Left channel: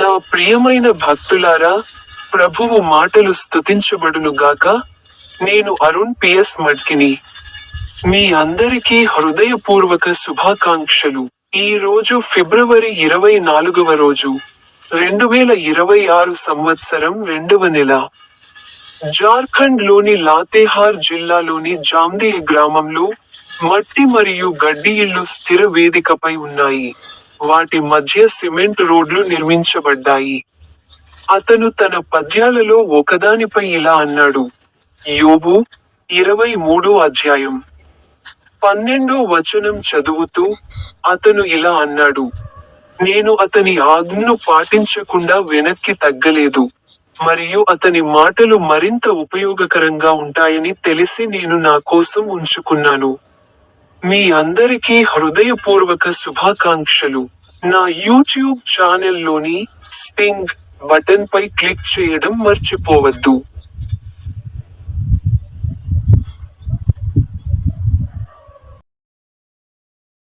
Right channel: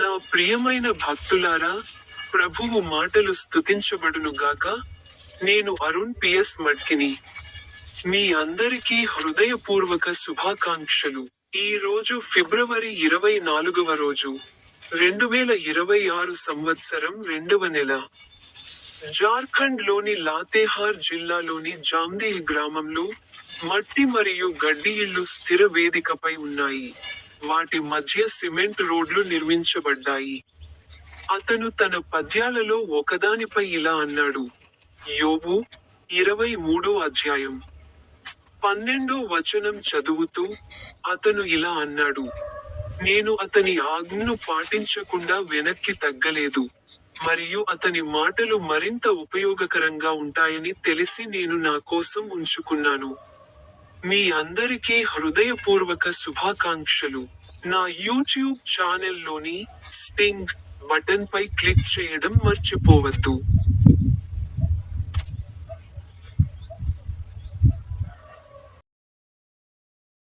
నా ప్రియమైన భక్తులారా, ప్రభువు మాటలు స్తుతించబడునుగాక. నేను అరుణ్ పిఎస్ మడ్కిని. మీ అందరికీ హృదయపూర్వక శుభాకాంక్షలు. ఈ రోజు ఫిబ్రవరి 24వ రోజు, 2026 సంవత్సరం 2వ నెల. జార్ఖండ్ లోని లాతేహార్ జిల్లాలోని జామ్దీహ్ గ్రామంలో మట్టి మరియు గడ్డి ఇళ్ళు స్థిర వేదికపై ఉన్నాయి. వాటి మధ్య సిమెంట్ రోడ్లు నిర్మించబడ్డాయి. అతను తన పద్యాలలో ఒకదానిపై ఇలా అన్నాడు. యోబు 23వ అధ్యాయం 12వ వచనం చదువుతూ అతను ఇలా అన్నాడు. నేను అతని ఆజ్ఞను పాటించకుండా వెనక్కి తగ్గలేదు, మరియు అతని మాటలు మరింత ఉపయోగకరంగా ఉంటాయని తెలిసి నేను నా కోసం ఉంచుకున్నాను. మీ అందరికీ హృదయపూర్వక శుభాకాంక్షలు. నా యూట్యూబ్ ఛానెల్లోని స్టింగ్ బటన్ పై క్లిక్ చేయడం మర్చిపోవద్దు.